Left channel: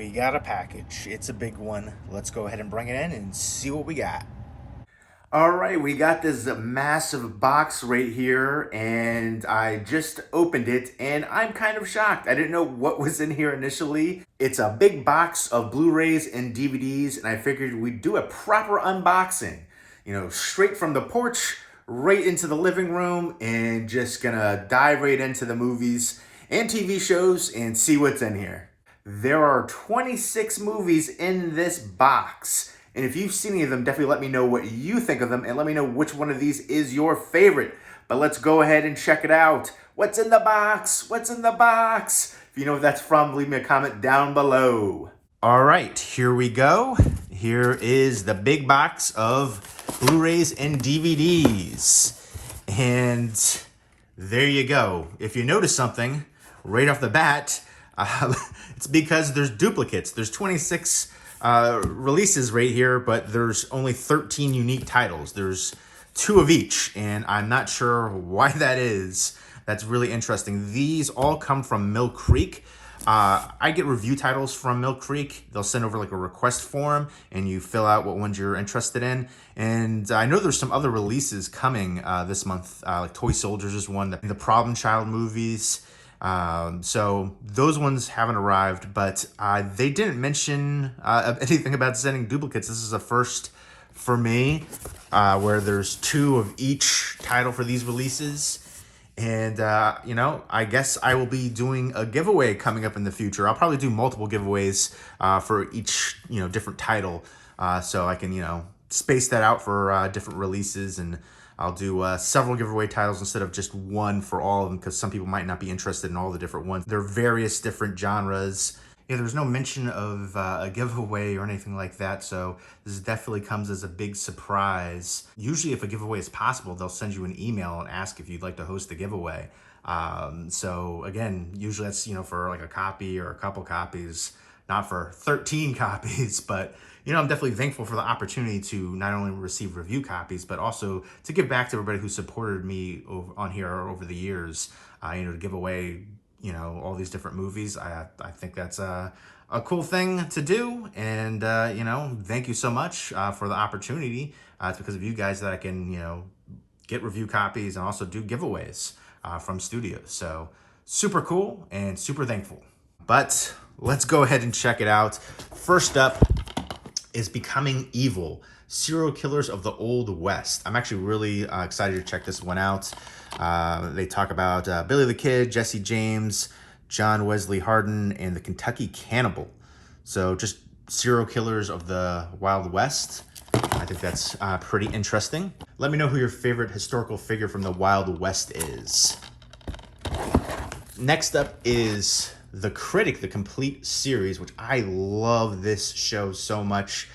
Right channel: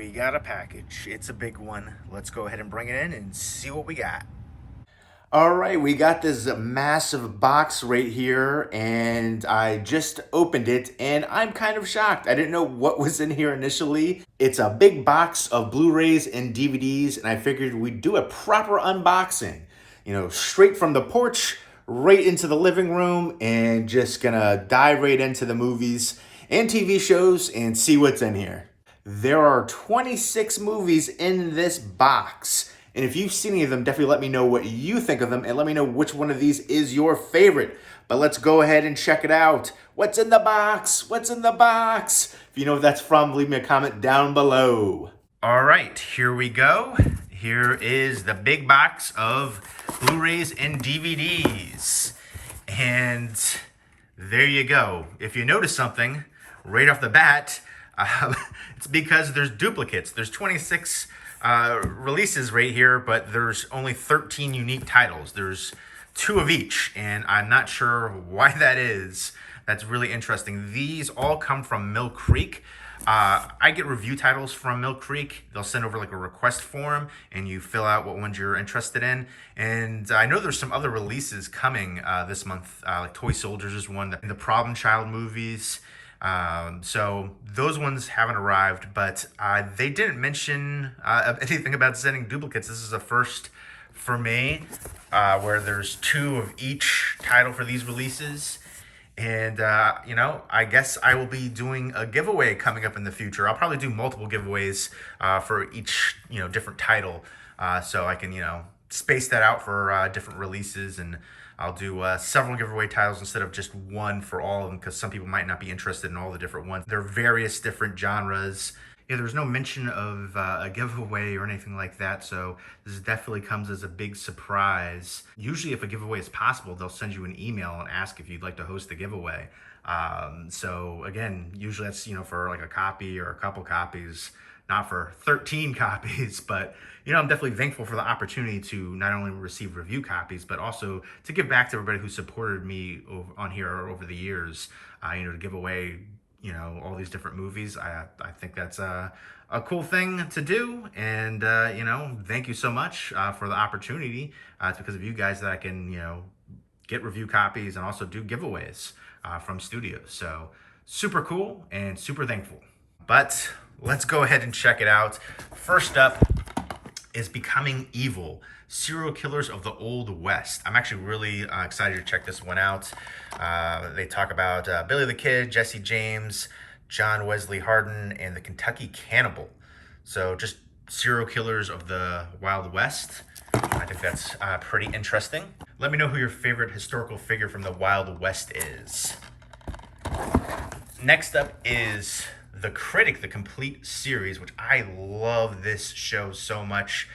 we got a package. It's a big one. Let's go ahead and bring it in and see what we got. All right, we got this massive box right here, and I just opened it, and I'm kind of shocked. I didn't know what was in here initially. It's a big box of Blu-rays and DVDs, and I figured we'd do a proper unboxing. You know, straight from the porch, right into the living room, and just gonna dive right into the movies and TV shows and see what's in here. There are 26 movies in this box. And if you've seen any of them, definitely let me know what you think of them and let me know which one of these is your favorite. But let's go ahead and check it out. What's in the box? What's in the box? If you know what that's from, leave me a comment down below. All right, here we go. Here is the big box of Blu-rays and DVDs. And there you go. If you notice something right off the bat, it's because there's duplicates. There's 26 releases right here, but there's only 13 unique titles. There's 2 of each, and I'm not sure why that is. That's really interesting. These all come from Mill Creek. I get review titles from Mill Creek. They'll send over like a request form, and you fill out what ones you're interested in. And I know there's some other releases coming this month, like Toy Soldiers is one, the Problem Child movies. So those ones haven't arrived, but they didn't mention anything about sending duplicates. This is a first for me, where there's 2 of each title for these releases. And, you know, I guess I will be doing a giveaway coming up in the future. I'll probably do multiple giveaways for each, you know, different title. So I can, you know, space that out for different releases, and I'll do several giveaway titles instead of just one for all of them, because some people might not be interested in all the different ones. There are various different genres. Yeah, there's no mention of a giveaway or anything like that, so this definitely comes as a big surprise. Usually if a giveaway is possible, they'll send you an email and ask if you'd like to host a giveaway. So again, usually that's, you know, for like a copy or a couple copies, not for 13 copies, but you know, I'm definitely thankful for the opportunity to not only receive review copies, but also to give back to everybody who supported me on here over the years, you know, to give away, you know, all these different movies. I think that's a cool thing to do. And, you know, thank you so much for the opportunity. It's because of you guys that I can, you know, get review copies and also do giveaways from studios. So super cool and super thankful. But let's go ahead and check it out. First up is Becoming Evil, Serial Killers of the Old West. I'm actually really excited to check this one out. They talk about Billy the Kid, Jesse James, John Wesley Hardin, and the Kentucky Cannibal. So just serial killers of the Wild West. I think that's pretty interesting. Let me know who your favorite historical figure from the Wild West is. Next up is The Critic, the complete series, which I love this show so much.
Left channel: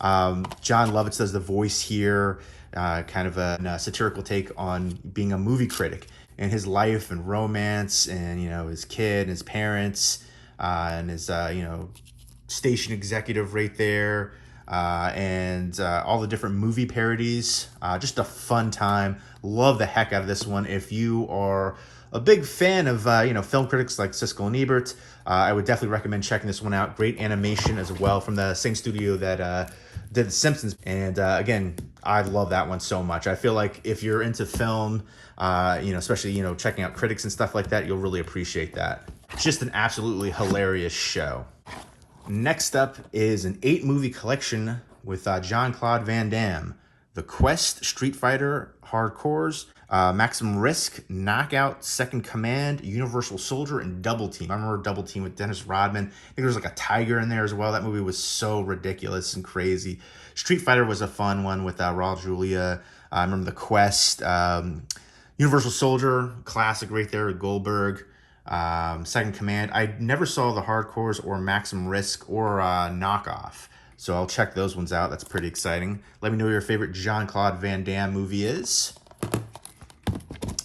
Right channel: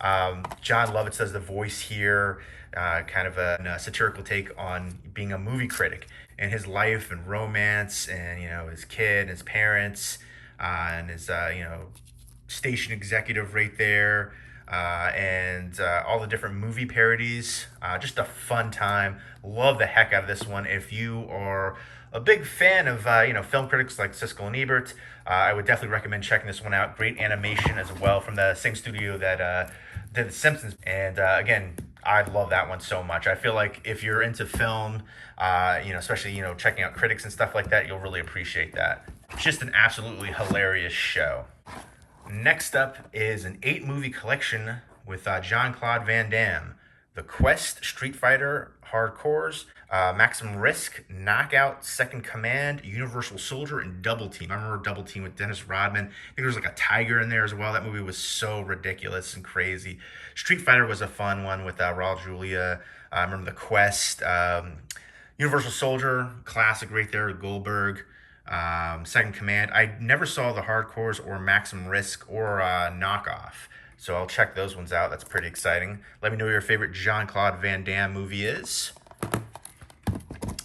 John Lovitz does the voice here, kind of a satirical take on being a movie critic and his life and romance and, you know, his kid and his parents and his, you know, station executive right there, and all the different movie parodies. Just a fun time. Love the heck out of this one. If you are a big fan of, you know, film critics like Siskel and Ebert, I would definitely recommend checking this one out. Great animation as well from the same studio that did The Simpsons. And again, I love that one so much. I feel like if you're into film, you know, especially, you know, checking out critics and stuff like that, you'll really appreciate that. Just an absolutely hilarious show. Next up is an 8-movie collection with Jean-Claude Van Damme. The Quest, Street Fighter, Hardcores, Maximum Risk, Knockout, Second Command, Universal Soldier, and Double Team. I remember Double Team with Dennis Rodman. I think there was like a tiger in there as well. That movie was so ridiculous and crazy. Street Fighter was a fun one with Raul Julia. I remember The Quest. Universal Soldier, classic right there with Goldberg. Second Command. I never saw the Hardcores or Maximum Risk or Knockoff. So I'll check those ones out. That's pretty exciting. Let me know what your favorite Jean-Claude Van Damme movie is.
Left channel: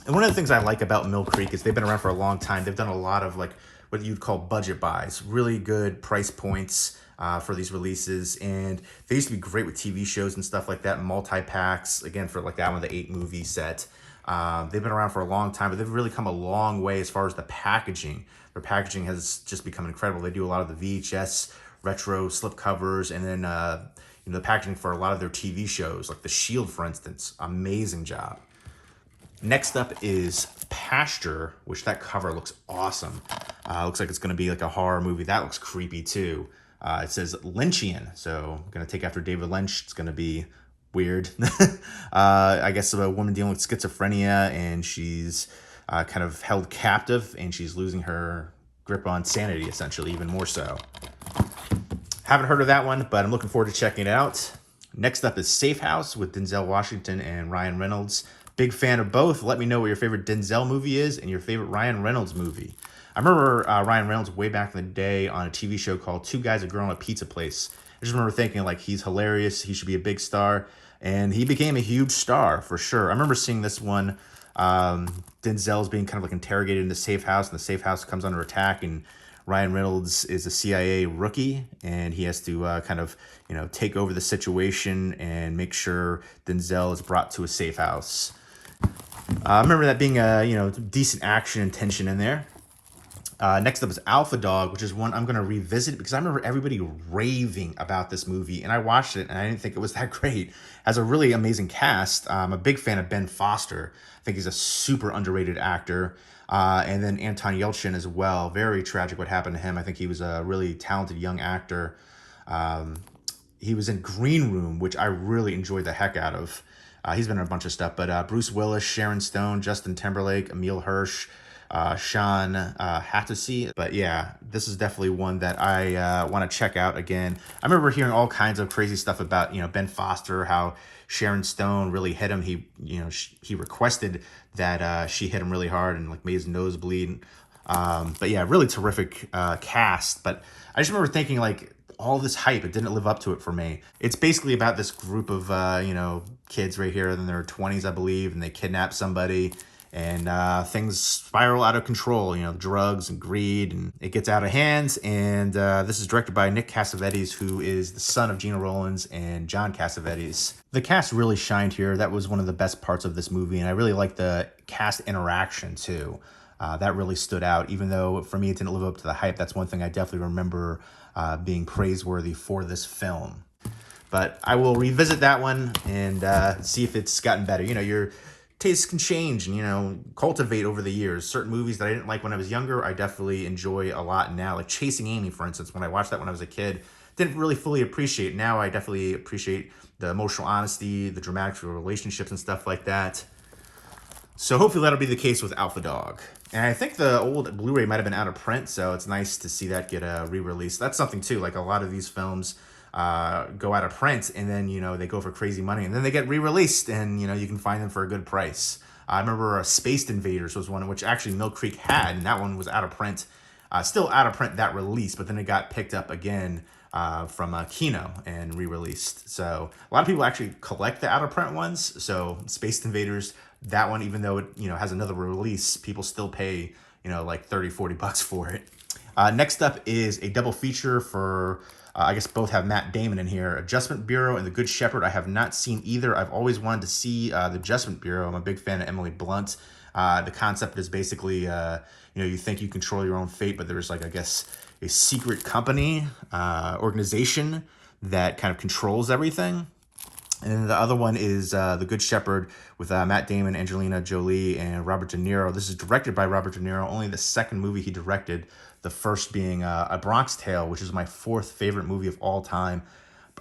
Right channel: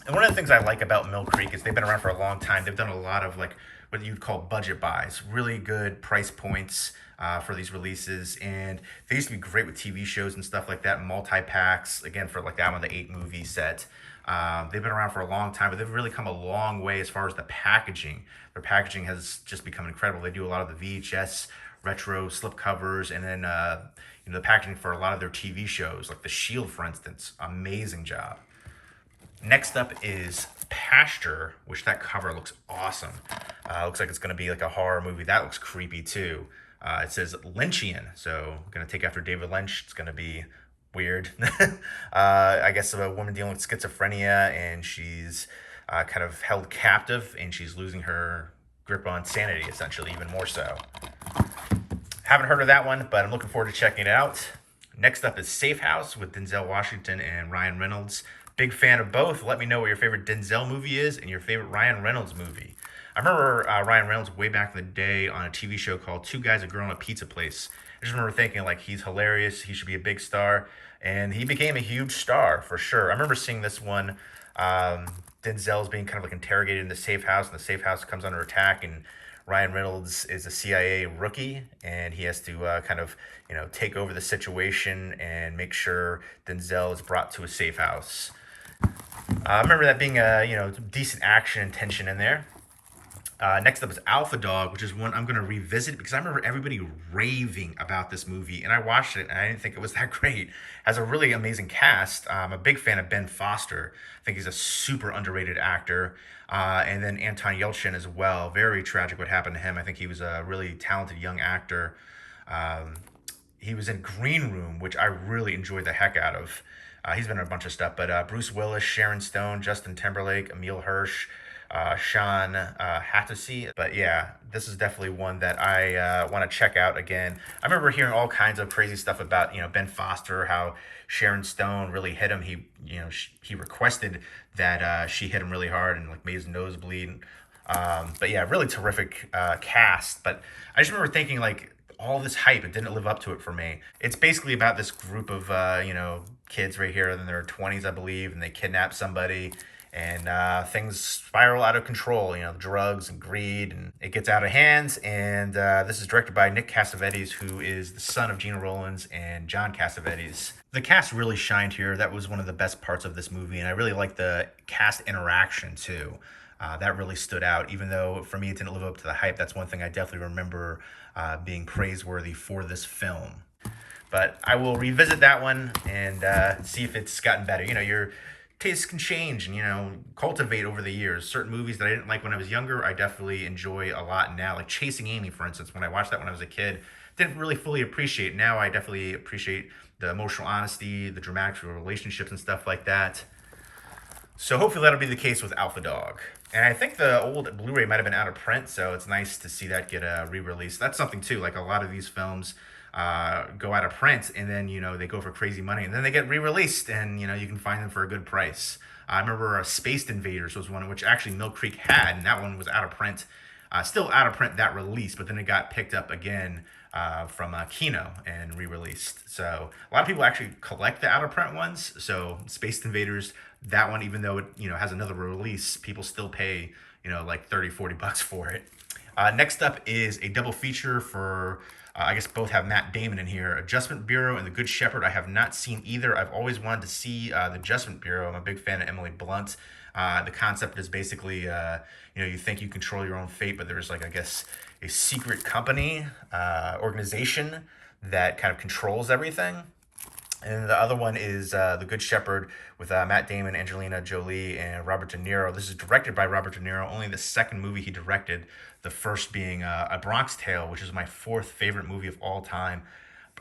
And one of the things I like about Mill Creek is they've been around for a long time. They've done a lot of like what you'd call budget buys, really good price points for these releases. And they used to be great with TV shows and stuff like that, multi-packs, again, for like that one, the 8-movie set. They've been around for a long time, but they've really come a long way as far as the packaging. Their packaging has just become incredible. They do a lot of the VHS retro slip covers, and then the packaging for a lot of their TV shows, like The Shield, for instance. Amazing job. Next up is Pasture, which that cover looks awesome. Looks like it's going to be like a horror movie. That looks creepy too. It says Lynchian, so going to take after David Lynch. It's going to be weird. I guess a woman dealing with schizophrenia, and she's kind of held captive, and she's losing her grip on sanity, essentially, even more so. Haven't heard of that one, but I'm looking forward to checking it out. Next up is Safe House with Denzel Washington and Ryan Reynolds. Big fan of both. Let me know what your favorite Denzel movie is and your favorite Ryan Reynolds movie. I remember Ryan Reynolds way back in the day on a TV show called Two Guys, a Girl, and a Pizza Place. I just remember thinking, like, he's hilarious, he should be a big star, and he became a huge star for sure. I remember seeing this one. Denzel's being kind of like interrogated in the safe house, and the safe house comes under attack, and Ryan Reynolds is a CIA rookie, and he has to kind of, take over the situation and make sure Denzel is brought to a safe house. I remember that being decent action and tension in there. Next up is Alpha Dog, which is one I'm going to revisit because I remember everybody raving about this movie, and I watched it and I didn't think it was that great. It has a really amazing cast. I'm a big fan of Ben Foster. I think he's a super underrated actor. And then Anton Yelchin as well. Very tragic what happened to him. I think he was a really talented young actor. He was in Green Room, which I really enjoyed the heck out of. He's been in a bunch of stuff, but Bruce Willis, Sharon Stone, Justin Timberlake, Emile Hirsch, Sean Hattasy. But yeah, this is definitely one that I want to check out again. I remember hearing all kinds of crazy stuff about Ben Foster, how Sharon Stone really hit him. He requested that she hit him really hard and like made his nose bleed. But yeah, really terrific cast. But I just remember thinking, like, all this hype, it didn't live up to it for me. It's basically about this group of kids right here in their 20s, I believe, and they kidnap somebody, and things spiral out of control, drugs and greed, and it gets out of hands. And this is directed by Nick Cassavetes, who is the son of Gina Rowlands and John Cassavetes. The cast really shined here. That was one of the best parts of this movie, and I really liked the cast interaction too. That really stood out, even though for me it didn't live up to the hype. That's one thing I definitely remember being praiseworthy for this film. But I will revisit that one and see if it's gotten better. Your tastes can change and, cultivate over the years. Certain movies that I didn't like when I was younger, I definitely enjoy a lot now. Like Chasing Amy, for instance, when I watched that when I was a kid, didn't really fully appreciate. Now I definitely appreciate the emotional honesty, the dramatic relationships and stuff like that. So hopefully that'll be the case with Alpha Dog. And I think the old Blu-ray might have been out of print, so it's nice to see that get a re-release. That's something too, like a lot of these films go out of print, and then, they go for crazy money, and then they get re-released, and, you can find them for a good price. I remember Spaced Invaders was one which actually Mill Creek had, and that one was out of print. Still out of print, that release, but then it got picked up again from Kino and re-released. So a lot of people actually collect the out-of-print ones. So Spaced Invaders, that one, even though it has another release, people still pay like $30-40 for it. Next up is a double feature for I guess both have Matt Damon in here. Adjustment Bureau and The Good Shepherd. I have not seen either. I've always wanted to see The Adjustment Bureau. I'm a big fan of Emily Blunt. The concept is basically you think you control your own fate, but there's, like, I guess, a secret company organization that kind of controls everything. And the other one is The Good Shepherd with Matt Damon, Angelina Jolie, and Robert De Niro. This is directed by Robert De Niro, only the second movie he directed, the first being A Bronx Tale, which is my fourth favorite movie of all time.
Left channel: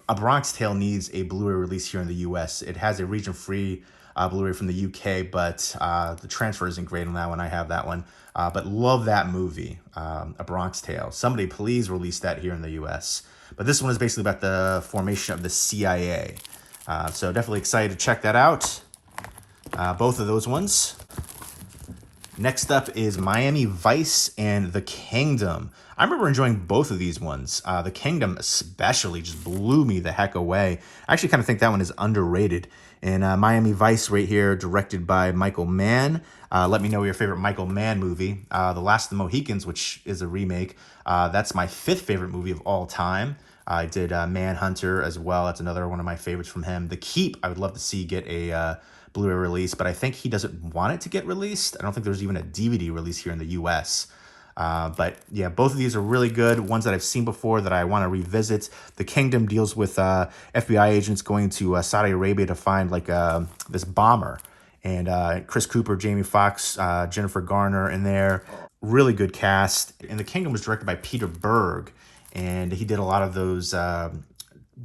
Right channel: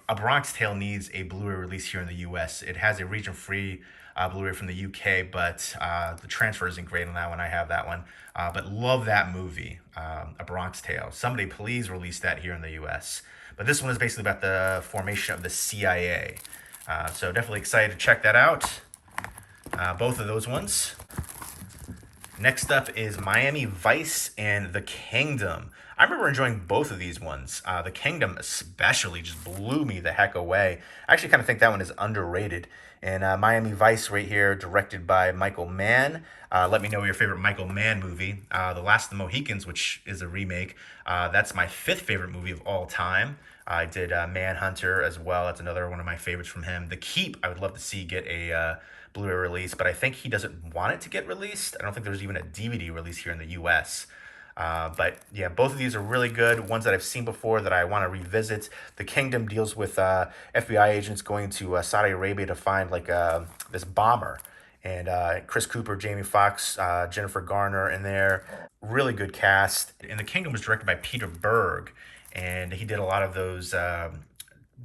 A Bronx Tale needs a Blu-ray release here in the U.S. It has a region-free Blu-ray from the U.K., but the transfer isn't great on that one. I have that one. But love that movie, A Bronx Tale. Somebody please release that here in the U.S. But this one is basically about the formation of the CIA. So definitely excited to check that out. Both of those ones. Next up is Miami Vice and The Kingdom. I remember enjoying both of these ones. The Kingdom especially just blew me the heck away. I actually kind of think that one is underrated. And Miami Vice right here, directed by Michael Mann. Let me know your favorite Michael Mann movie. The Last of the Mohicans, which is a remake. That's my fifth favorite movie of all time. I did Manhunter as well. That's another one of my favorites from him. The Keep, I would love to see get a Blu-ray release, but I think he doesn't want it to get released. I don't think there's even a DVD release here in the U.S. But yeah, both of these are really good. Ones that I've seen before that I want to revisit. The Kingdom deals with FBI agents going to Saudi Arabia to find like this bomber. And Chris Cooper, Jamie Foxx, Jennifer Garner in there. Really good cast. And The Kingdom was directed by Peter Berg. And he did a lot of those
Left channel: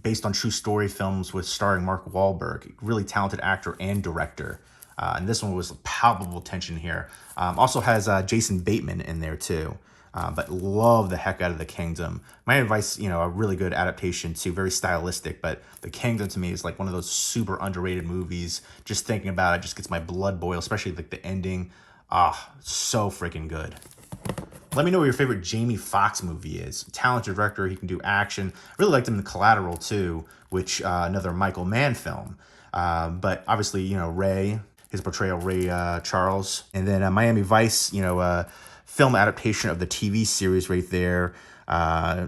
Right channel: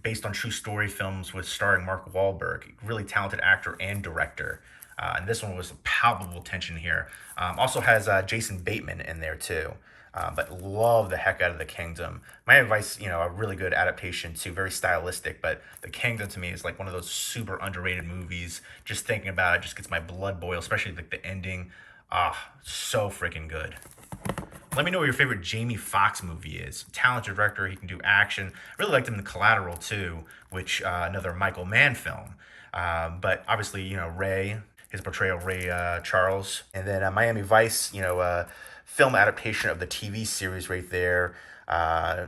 based on true story films with starring Mark Wahlberg. Really talented actor and director. And this one was palpable tension here. Also has Jason Bateman in there too. But love the heck out of The Kingdom. My advice, a really good adaptation too, very stylistic, but The Kingdom to me is like one of those super underrated movies. Just thinking about it just gets my blood boil, especially like the ending. So freaking good. Let me know what your favorite Jamie Foxx movie is. Talented director, he can do action. I really liked him in Collateral too, which another Michael Mann film. But obviously, Ray, his portrayal of Ray Charles. And then Miami Vice, film adaptation of the TV series right there.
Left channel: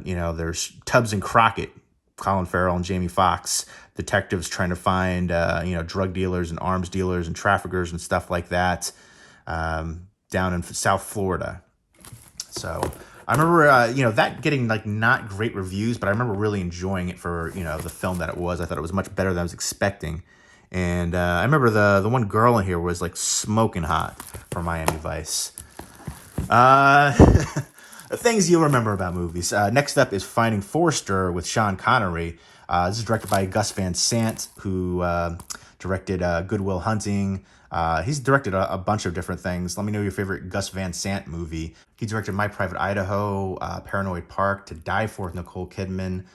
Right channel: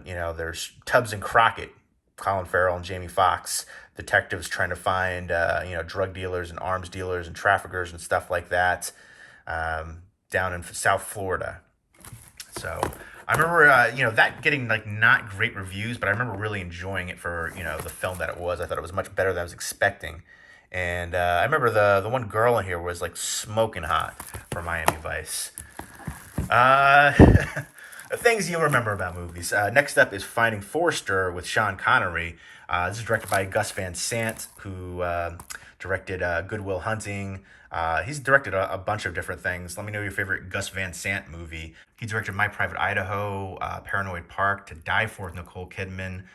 There's Tubbs and Crockett, Colin Farrell and Jamie Foxx, detectives trying to find, drug dealers and arms dealers and traffickers and stuff like that down in South Florida. So I remember, that getting like not great reviews, but I remember really enjoying it for, the film that it was. I thought it was much better than I was expecting. And I remember the one girl in here was like smoking hot for Miami Vice. The things you'll remember about movies. Next up is Finding Forrester with Sean Connery. This is directed by Gus Van Sant, who directed Good Will Hunting. He's directed a bunch of different things. Let me know your favorite Gus Van Sant movie. He directed My Private Idaho, Paranoid Park, To Die For with Nicole Kidman,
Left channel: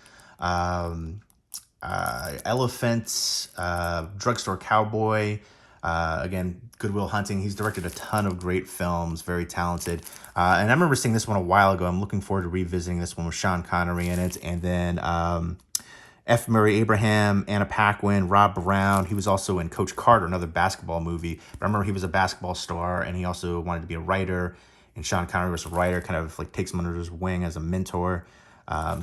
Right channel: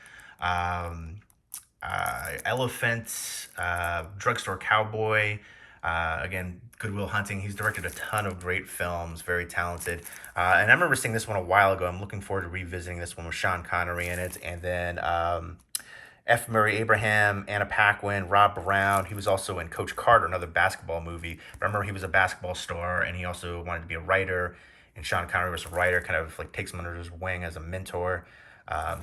Elephant, Drugstore Cowboy, again, Good Will Hunting. He's directed a ton of great films, very talented. And I remember seeing this one a while ago. I'm looking forward to revisiting this one with Sean Connery in it. And then F. Murray Abraham, Anna Paquin, Rob Brown. He was also in Coach Carter, another basketball movie. But I remember he was a basketball star, and he also wanted to be a writer. And Sean Connery was a writer, kind of like takes him under his wing as a mentor.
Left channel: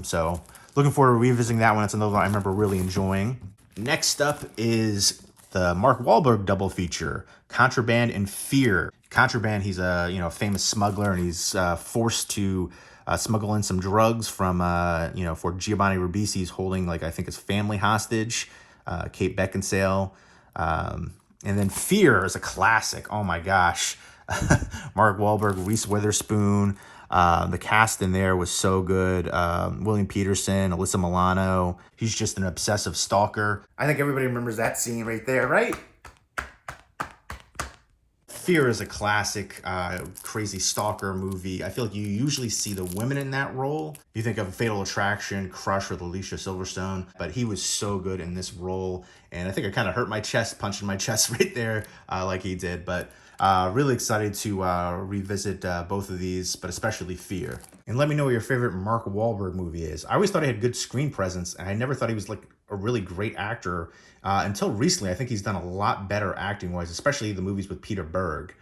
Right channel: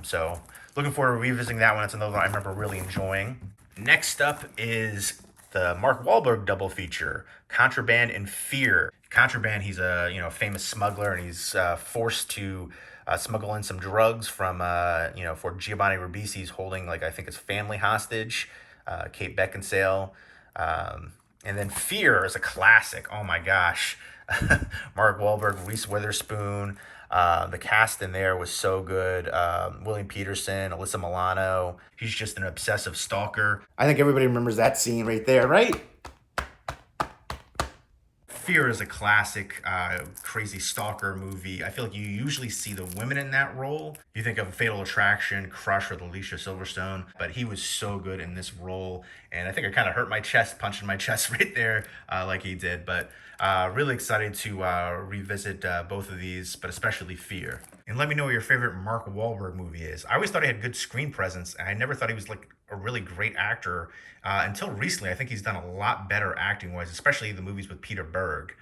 So looking forward to revisiting that one. It's another one I remember really enjoying. Next up is the Mark Wahlberg double feature, Contraband and Fear. Contraband, he's a famous smuggler, and he's forced to smuggle in some drugs from for Giovanni Ribisi's holding I think his family hostage, Kate Beckinsale. And then Fear is a classic. Oh my gosh. Mark Wahlberg, Reese Witherspoon. The cast in there was so good. William Peterson, Alyssa Milano. He's just an obsessive stalker. I think everybody remembers that scene right there, right? Fear is a classic, crazy stalker movie. I feel like you usually see the women in that role. You think of Fatal Attraction, Crush with Alicia Silverstone, but he was so good in this role. And I think I kind of hurt my chest, punching my chest right there like he did. But really excited to revisit both of these, but especially Fear. And let me know what your favorite Mark Wahlberg movie is. I always thought he had good screen presence, and I never thought he was like a really great actor until recently. I think he's done a lot better acting-wise, especially the movies with Peter Berg.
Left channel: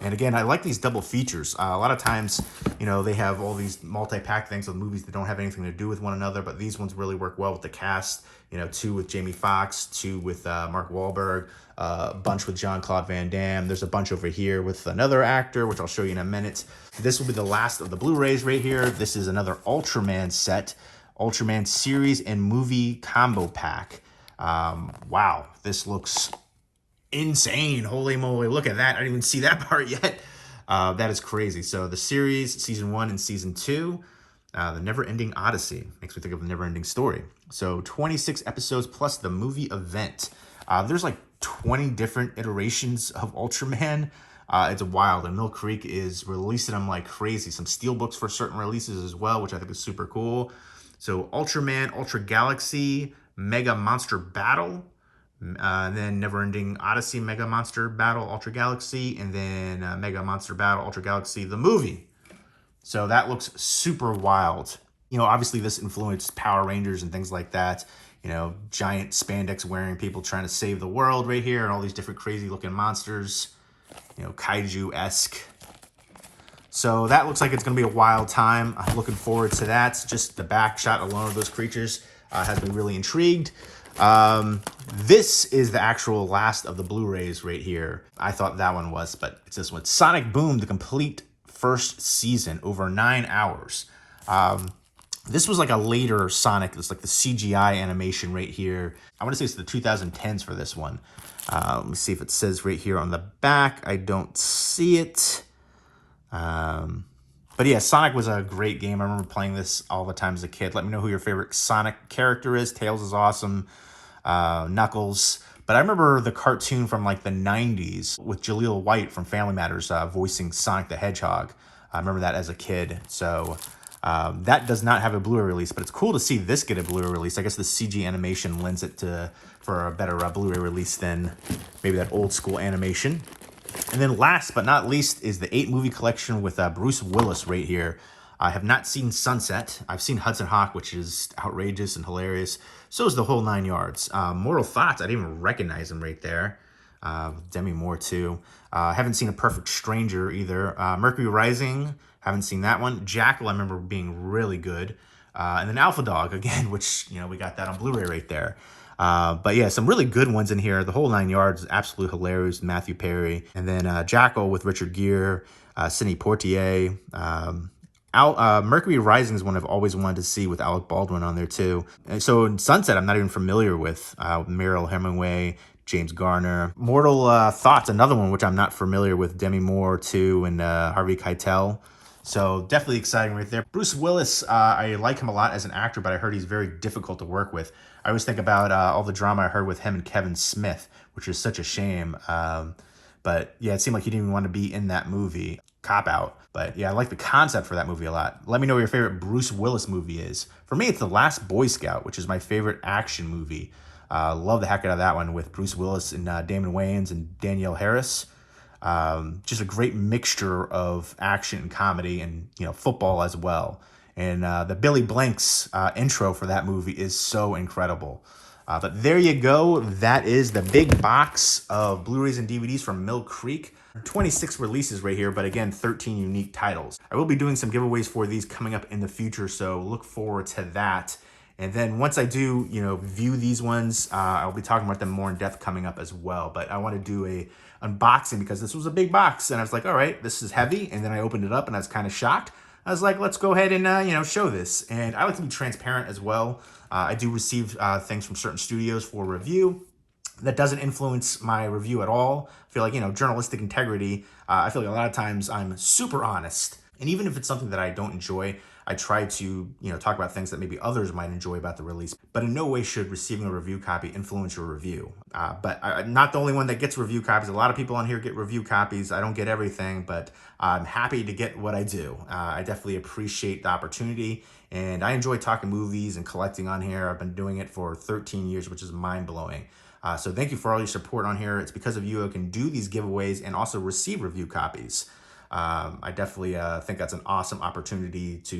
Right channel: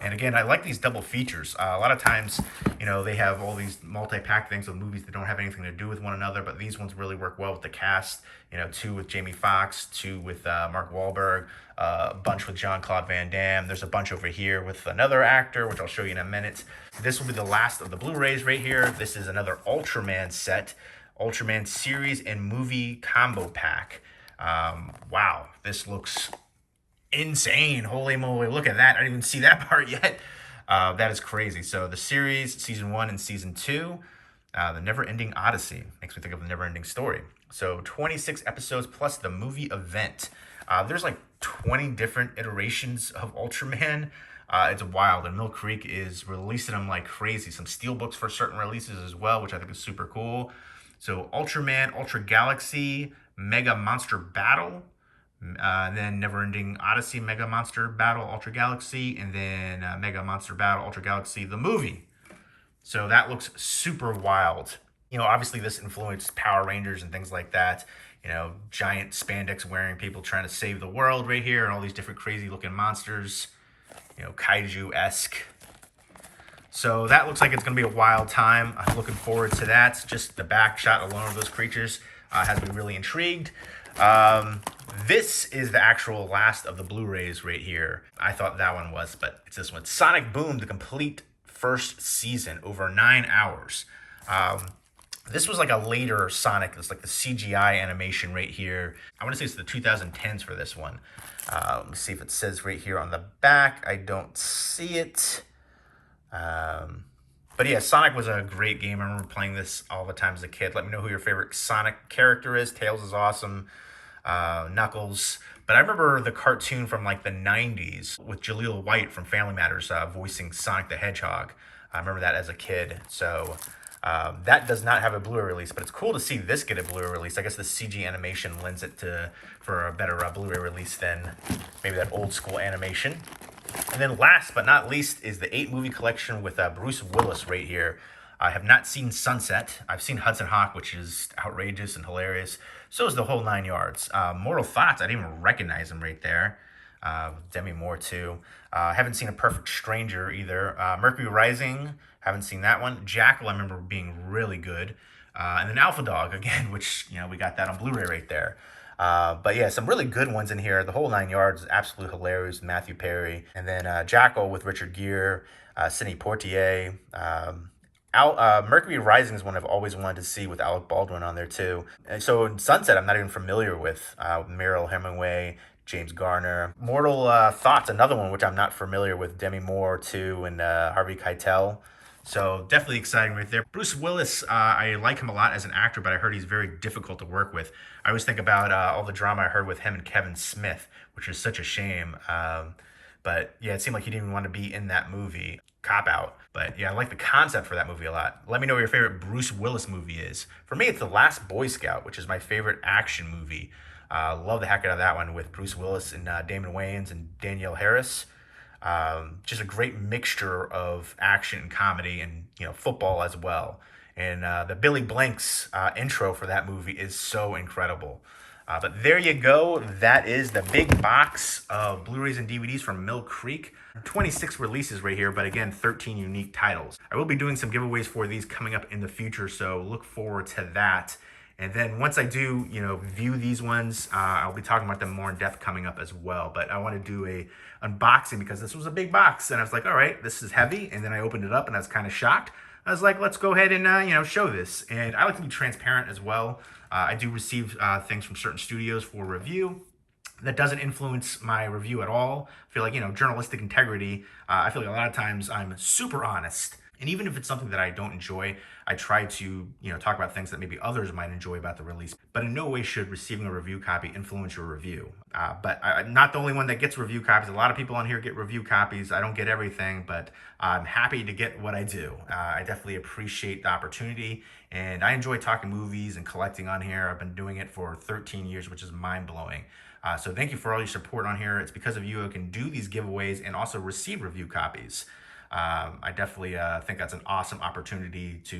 And again, I like these double features. A lot of times, they have all these multi-pack things of movies that don't have anything to do with one another, but these ones really work well with the cast. 2 with Jamie Foxx, 2 with Mark Wahlberg, a bunch with Jean-Claude Van Damme. There's a bunch over here with another actor, which I'll show you in a minute. This will be the last of the Blu-rays right here. This is another Ultraman set, Ultraman series and movie combo pack. Wow, this looks insane. Holy moly, look at that. I didn't even see that part yet. That is crazy. So the series, season 1 and season 2, The Never-Ending Odyssey. Makes me think of The Never-Ending Story. So 26 episodes plus the movie event. There's like 20 different iterations of Ultraman. It's wild, and Mill Creek is releasing them like crazy. Some steelbooks for certain releases as well, which I think is super cool. So Ultraman, Ultra Galaxy, Mega Monster Battle, then Never-Ending Odyssey, Mega Monster Battle, Ultra Galaxy, and then Mega Monster Battle, Ultra Galaxy, the movie. So that looks super wild. Obviously this influenced Power Rangers and things like that. Giant spandex wearing people trying to save the world right here, and all these different crazy looking monsters, kaiju-esque. So that looks like it's going to be a wild time. I'm looking forward to that. Just the back shot alone of those creatures has me really intrigued. This is the actual last of the Blu-rays right here. I thought that one was, but it's this one. Sonic Boom, the complete first season, over 9 hours. This was like a later Sonic. It's like the CGI animation right here. I want to say it's the 2010s for this one. Let me see if it says right here on the back. I don't see it. But yeah, Sonic was a great game. I remember playing this all the time as a kid. Let me know who your favorite Sonic character is. Tails is awesome. Knuckles. But I remember the cartoon from like the 90s with Jaleel White from Family Matters voicing Sonic the Hedgehog. I remember that as a kid. So that does not have a Blu-ray release, but it's cool to see this get a Blu-ray release. I guess the CG animation lends it for a better Blu-ray release than maybe that old school animation. And then last but not least is the 8-movie collection with Bruce Willis right here. I have not seen Sunset. I've seen Hudson Hawk, which is outrageous and hilarious. So is the whole 9 yards. Mortal Thoughts, I didn't even recognize him right there. Demi Moore too. Haven't seen A Perfect Stranger either. Mercury Rising, haven't seen that one. Jackal, I remember being really good. And then Alpha Dog again, which, you know, we got that on Blu-ray right there. But yeah, some really good ones in here. The whole 9 yards is absolutely hilarious. Matthew Perry. And then Jackal with Richard Gere, Sidney Poitier. Mercury Rising is one I've always wanted to see with Alec Baldwin on there too. And so in Sunset, I'm not even familiar with Meryl Hemingway, James Garner. Mortal Thoughts, another one which I'm not familiar with. Demi Moore too, and Harvey Keitel. So definitely exciting right there. Bruce Willis, I like him a lot as an actor, but I heard he's very difficult to work with. I always think about all the drama I heard with him and Kevin Smith, which is such a shame. But yeah, it seemed like he didn't even want to be in that movie. Cop out. But yeah, I like the concept for that movie a lot. Let me know what your favorite Bruce Willis movie is. For me, it's The Last Boy Scout, which is my favorite action movie. Love the heck out of that one with Bruce Willis and Damon Wayans and Danielle Harris. Just a great mixture of action and comedy and, you know, football as well. And the Billy Blanks intro for that movie is so incredible. But there you go. That is the big box of Blu-rays and DVDs from Mill Creek. 26 releases right here, but again, 13 unique titles. I will be doing some giveaways for these coming up in the future, so look forward to that. And then once I do, you know, view these ones, I'll be talking about them more in depth coming up as well. But I want to do a unboxing because this was a big box, and I was like, all right, this is heavy. And then I opened it up, and I was kind of shocked. I was like, let's go ahead and you know, show this. And I like to be transparent as well. I do receive things from certain studios for review. That doesn't influence my review at all. I feel like, you know, journalistic integrity, I feel like a lot of times I'm super honest. And even if it's something that I don't enjoy, I try to, you know, talk about things that maybe others might enjoy about the release. But in no way should receiving a review copy influence your review. But I'm not the only one that gets review copies. A lot of people on here get review copies. I don't get everything, but I'm happy to get what I do. I definitely appreciate the opportunity. And I enjoy talking movies and collecting on here. I've been doing it for 13 years, which is mind-blowing. So thank you for all your support on here. It's because of you I can do these giveaways and also receive review copies. I definitely think that's an awesome opportunity to,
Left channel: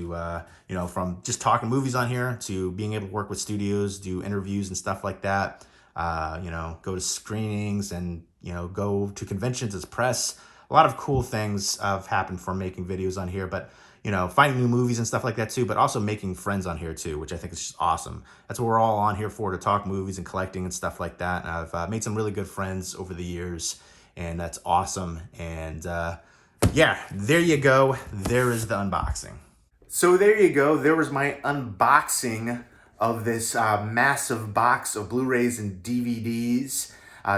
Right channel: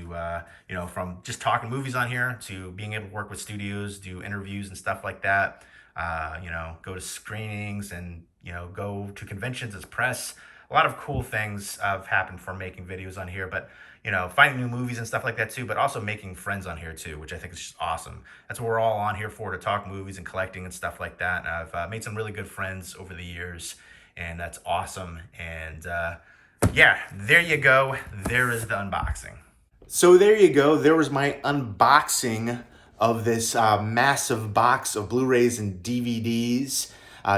you know, from just talking movies on here to being able to work with studios, do interviews and stuff like that. You know, go to screenings and, you know, go to conventions as press. A lot of cool things have happened from making videos on here, but, you know, finding new movies and stuff like that too, but also making friends on here too, which I think is just awesome. That's what we're all on here for, to talk movies and collecting and stuff like that. And I've made some really good friends over the years, and that's awesome. And yeah, there you go. There is the unboxing. So there you go. There was my unboxing of this massive box of Blu-rays and DVDs.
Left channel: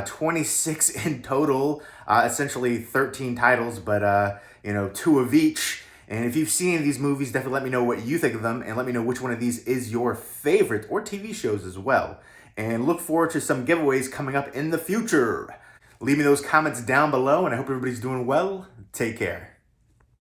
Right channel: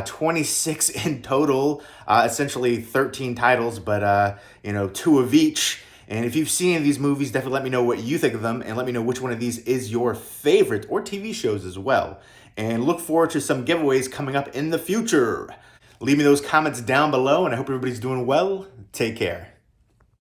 26 in total, essentially 13 titles, but you know, 2 of each. And if you've seen any of these movies, definitely let me know what you think of them, and let me know which one of these is your favorite, or TV shows as well. And look forward to some giveaways coming up in the future. Leave me those comments down below, and I hope everybody's doing well. Take care.